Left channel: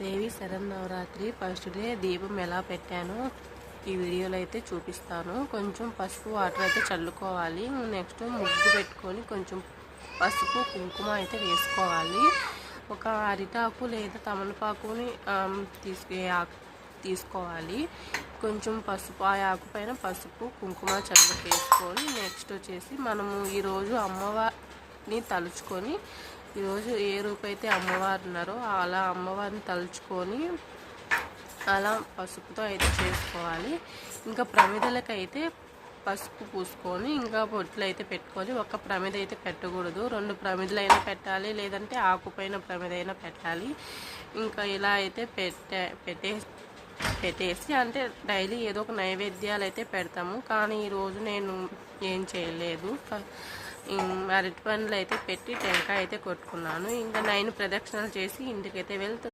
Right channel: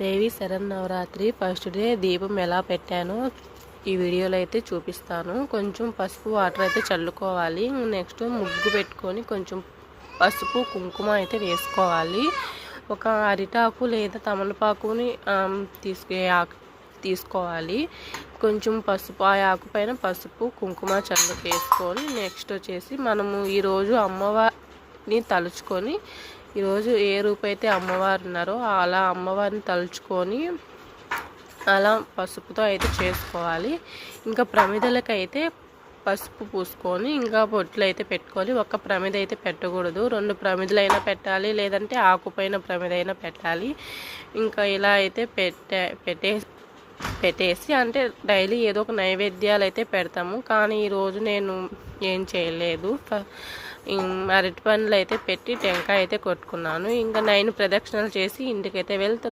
దేవి Sharannavaratri first day దీపం ఎలా పెట్టానో ఈ వీడియోలో అయితే చూపిస్తాను. కొంచెం పసుపు వాటర్ అయితే చల్లుకోవాలి. నెక్స్ట్ ముగ్గు పెట్టుకొని కొంచెం పసుపు కుంకుమ అయితే వేసుకోవాలి. ఒక అరిటాకు లేదా తమలపాకుని తీసుకోవాలి. కొంచెం పసుపు ఆ ఆకు పైన పసుపు కుంకుమ చల్లు వేసుకొని నెక్స్ట్ వచ్చేసి మనము ఈరోజు అమ్మవారిని తలుచుకొని ఈరోజు ఏ రూపైతే అమ్మవారు ఉన్నారో అలా అమ్మవారిని తలుచుకొని అలా పసుపుతో అయితే చేసుకోవాలి. ఇంకా ప్రమిదలకైతే పసుపు పూసుకొని ఇంకా బొట్లు అయితే పెట్టుకొని ఒక ప్రమిద అయితే పెట్టకూడదు, 2 ప్రమిదలైనా పెట్టాలి, లేదంటే ఆకుపైన ప్రమిదైనా పెట్టాలి. ఇంకా ఇలా అయితే పెట్టేసి అంటే డైలీ ఏదో ఒక నైవేద్యాలు అయితే పెడతాము. కానీ ఈరోజు నేను ఏం చేయలేదు. అరటి పండ్లు అయితే పెట్టి టెంకాయ అయితే కొట్టుకున్నాను. ఇంకా 9 ప్రదక్షిణలు చేసి ఇంటికైతే వెళ్తాను.